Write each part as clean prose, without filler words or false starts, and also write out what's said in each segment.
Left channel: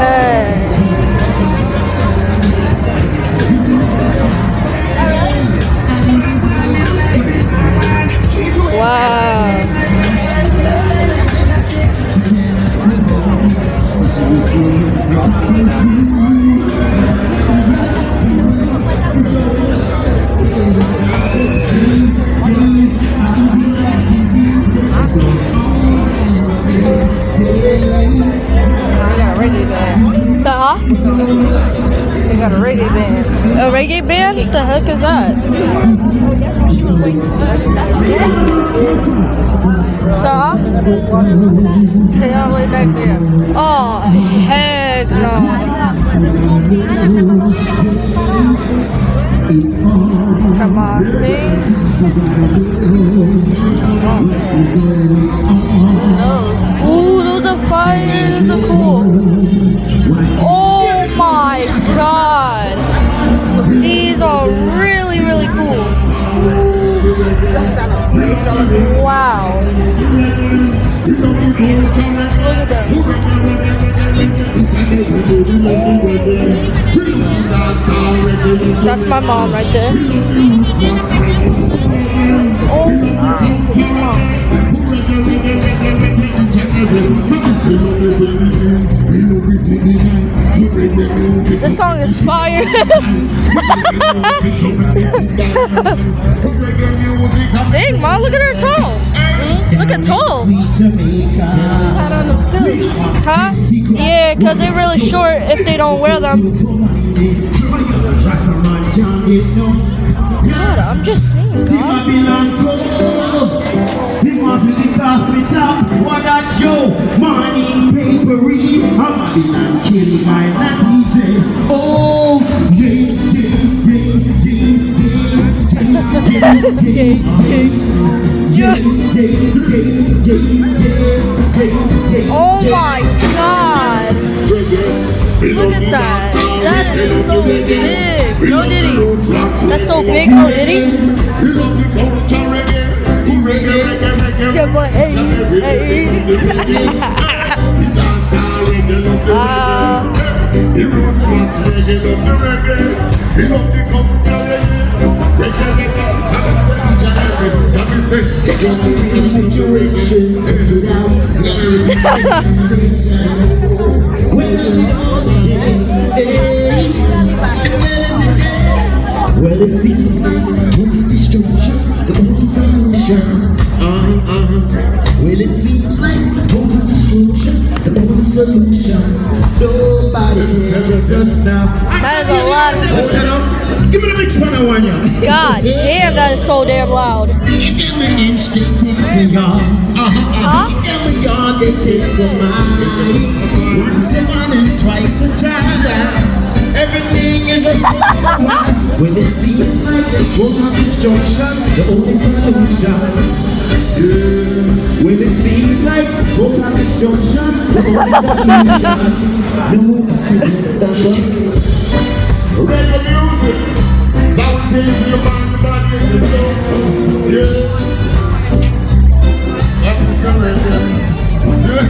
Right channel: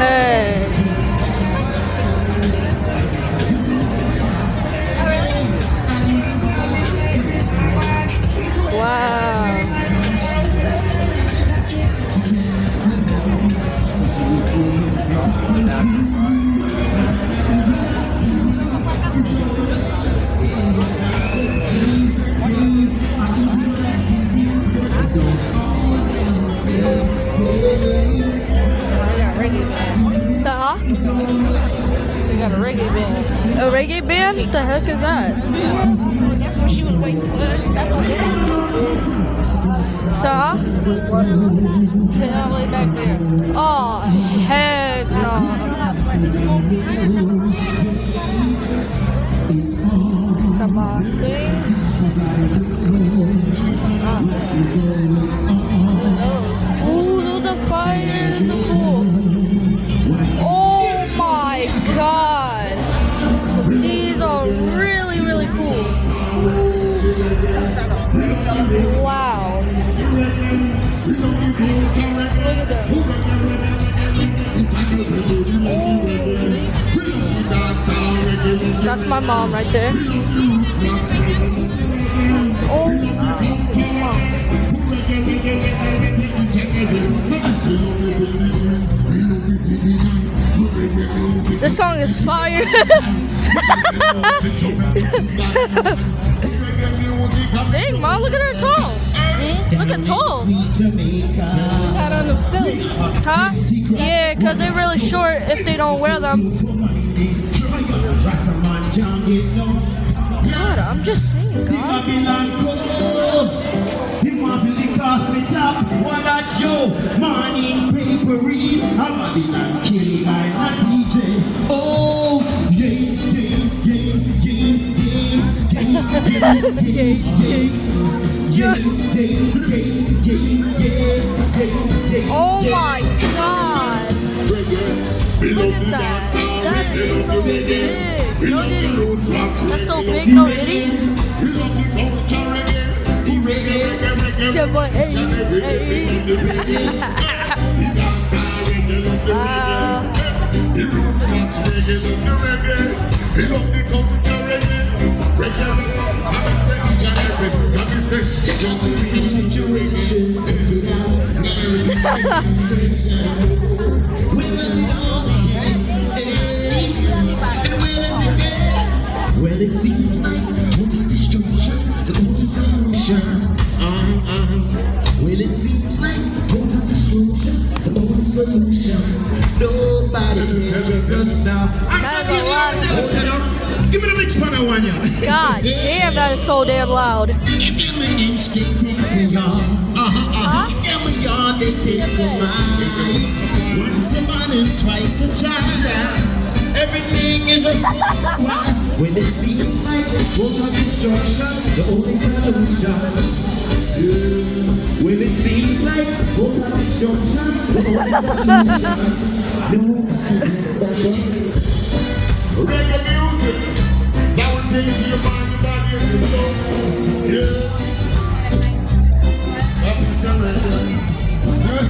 Hey. Wow. Huh? They got a reggae band. A reggae band? What the heck is that? That's what she was waiting for. So? They all the way back there. Oh, heck no. Come on, please. Ooh, those are fire. Those are cool. Oh my god. These are really, really cool. Wow. Look at them. That's my mom right there. Oh This song is fire. Dang, Mom, look at her toe. Look at toe. Got on them stilts. Huh? Yeah, because they're really short if they don't wear them. God, I'm just saying, God. Oh my god. Look at that. That is so big. No Diddy. That's so big. No Diddy. Yeah, but well, it seems like total destruction, the only solution. Well, it seems like total destruction, the only solution. Nobody can check us now. That is a lot of. Give me the next one, I want you. God damn, that is so damn loud. Every inch they take me on. Every yard they take the mine. Once a man and twice a child. Everything is just right. When it seems like total destruction, the only solution. Yeah. When it seems like total destruction, the only solution. No happiness of us. Reggae music, something to your mind, body, and your soul. Yeah. That's the reggae. Yeah.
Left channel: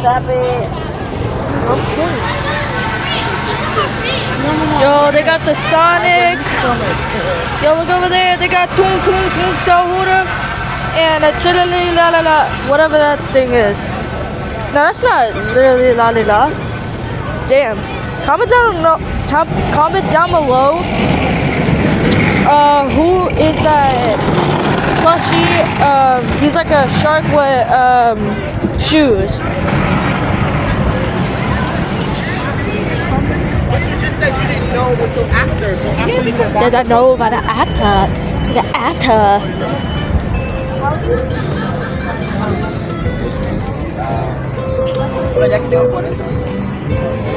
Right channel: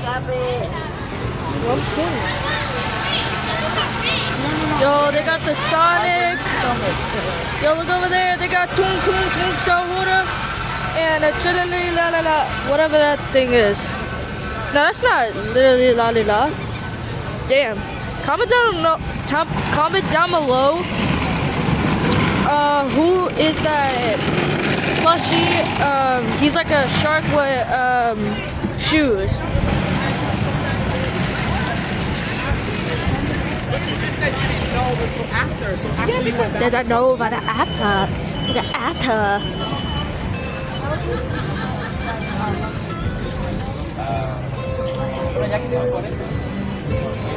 Stop it. Yo, they got the Sonic. Yo, look over there. They got Toon Shahura and a Chilili La La La, whatever that thing is. No, that's not literally La La La. Damn. Comment down below. Who is that plushie? He's like a shark with shoes. Said you didn't know until after, so after you go back. Does I know about the after? The after.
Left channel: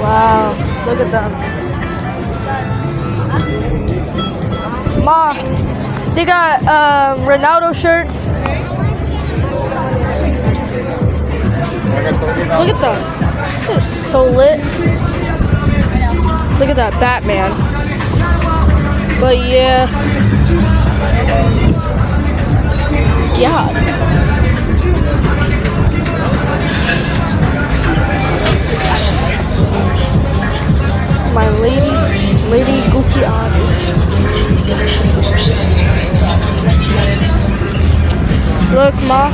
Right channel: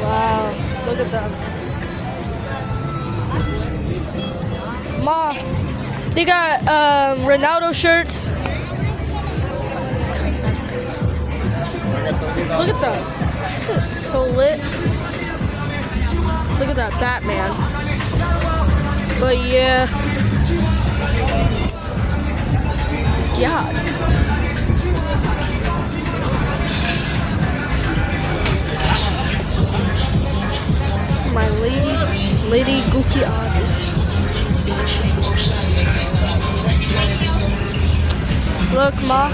Wow, look at them. Ma, they got Ronaldo shirts. Look at them. This is so lit. Look at that Batman. But yeah. God. My lady Goofy Odd. Look, Ma.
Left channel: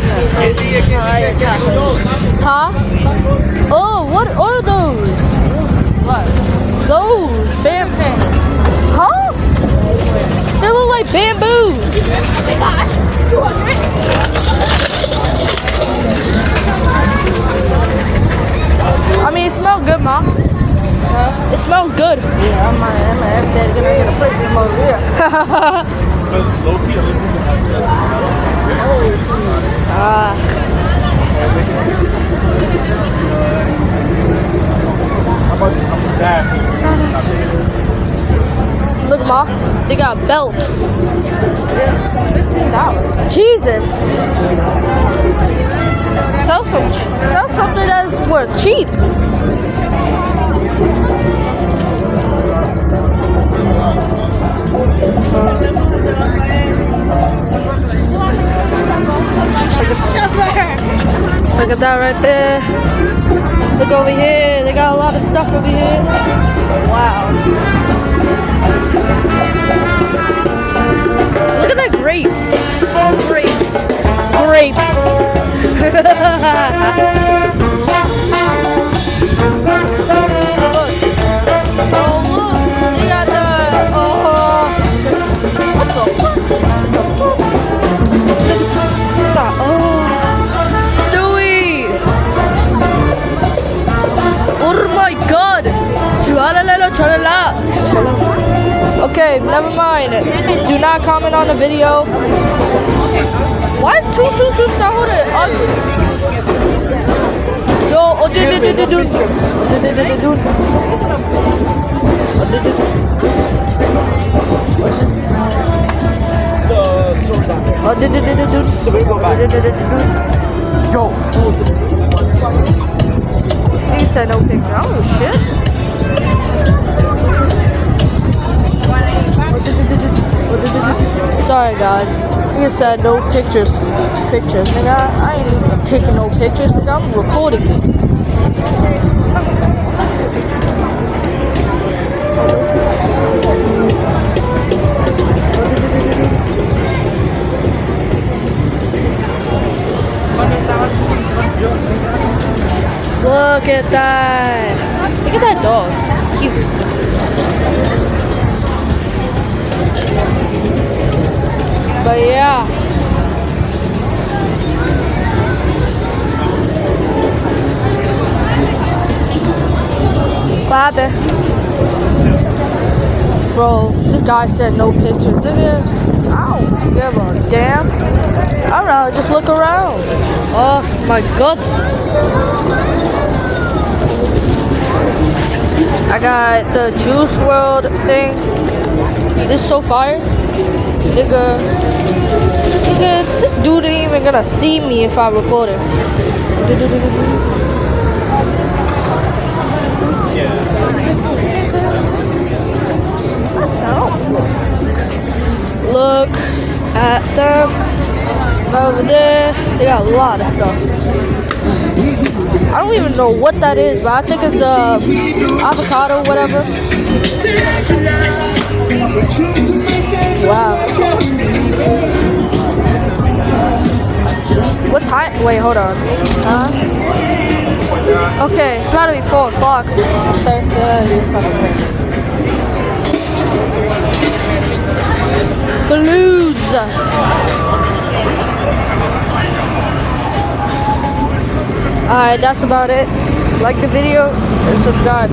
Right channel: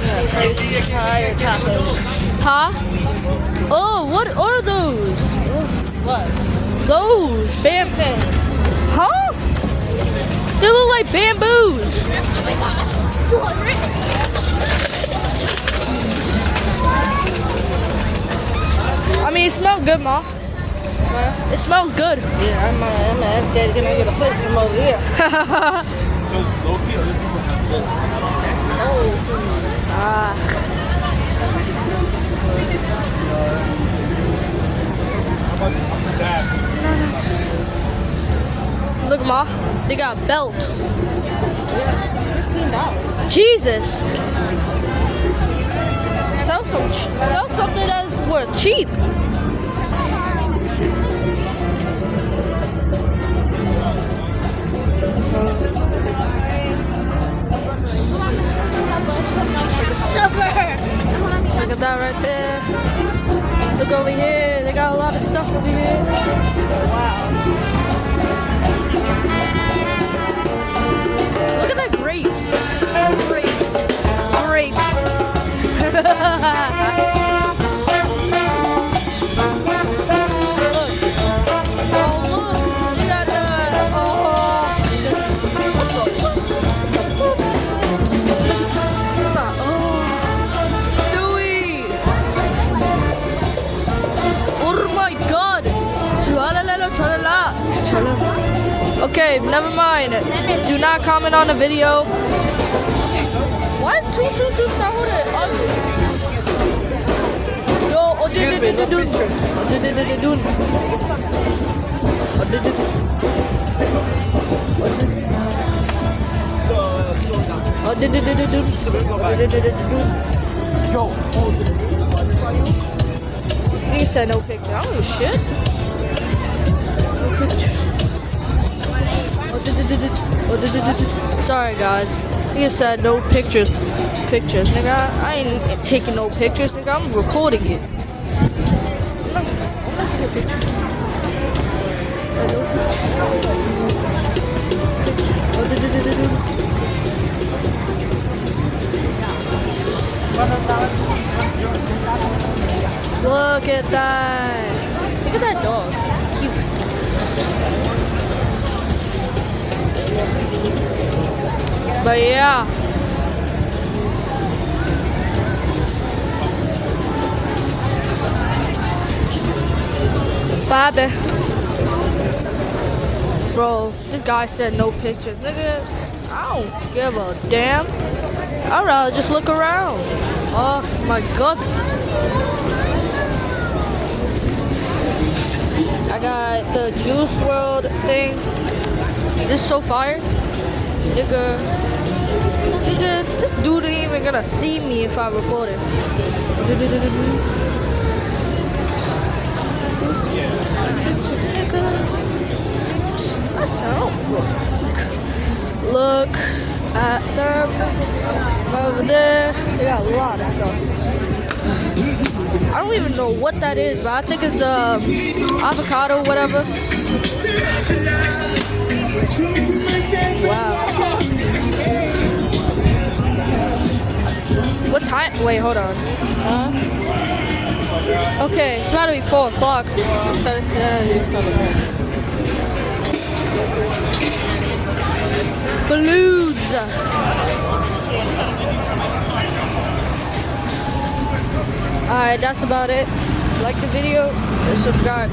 Huh? Oh, what are those? What? Those bamboo. Huh? They look like bamboos. I mean, it smells good, Ma. Huh? It smells good. Yeah, I'm gonna ask that. Can I get a put them over here? Ah. Look, Ma. They got belts. $15. Jesus. Sell something that's worth cheap. Look at that right there. Look over here. They got a lot of stuff over here. Wow. Look at that grapes. Grapes. Look. Oh, look. They got the, what the fuck? Stewie. Oh my God. Okay, never mind. Do not comment on the video. Why is 222 Sahura ugly? Yo, He said no picture. Oh shit. Sorry guys. He said no pictures. And I ain't even taking no pictures because I'm recording it. Look at that. Look at that dog. Cute. But yeah. Bobby. Bro, this guy said no pictures. Nigga, I don't give a damn. I'd rather just look around. Oh my God. I got the Juice WRLD thing. This is so fire. Nigga, this dude ain't even gonna see me if I record it. Look at them over there. They got a lot of stuff. I don't even know what that is, but I think it's avocado, whatever. Wow. What time? Wait, hold on. Okay, it's gotta be 4 o'clock. Balloons. Alright, that's about it. Like the video and subscribe.